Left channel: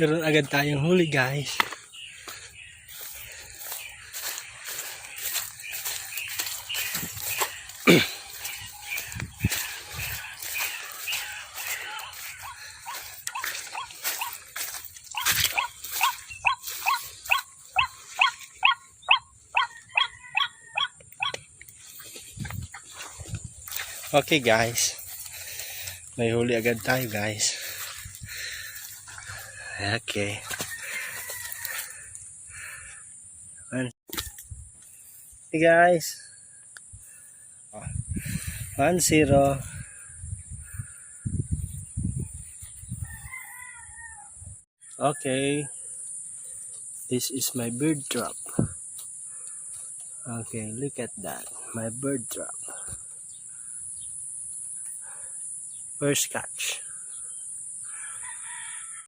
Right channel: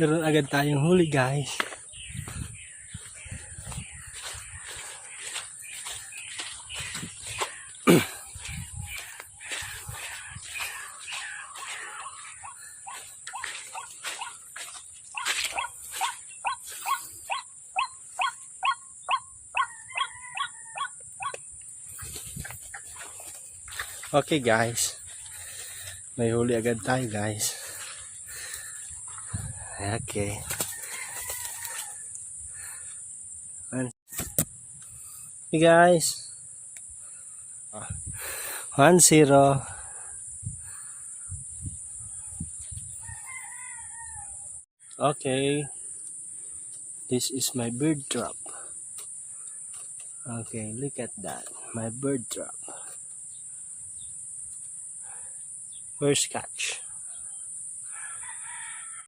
Meron agad tayong huli, guys. Okay, guys. May huli agad tayo, guys. Okay. Hey, guys. 1-0. Okay. This is my bird trap. Okay, look at that. My bird trap. First catch.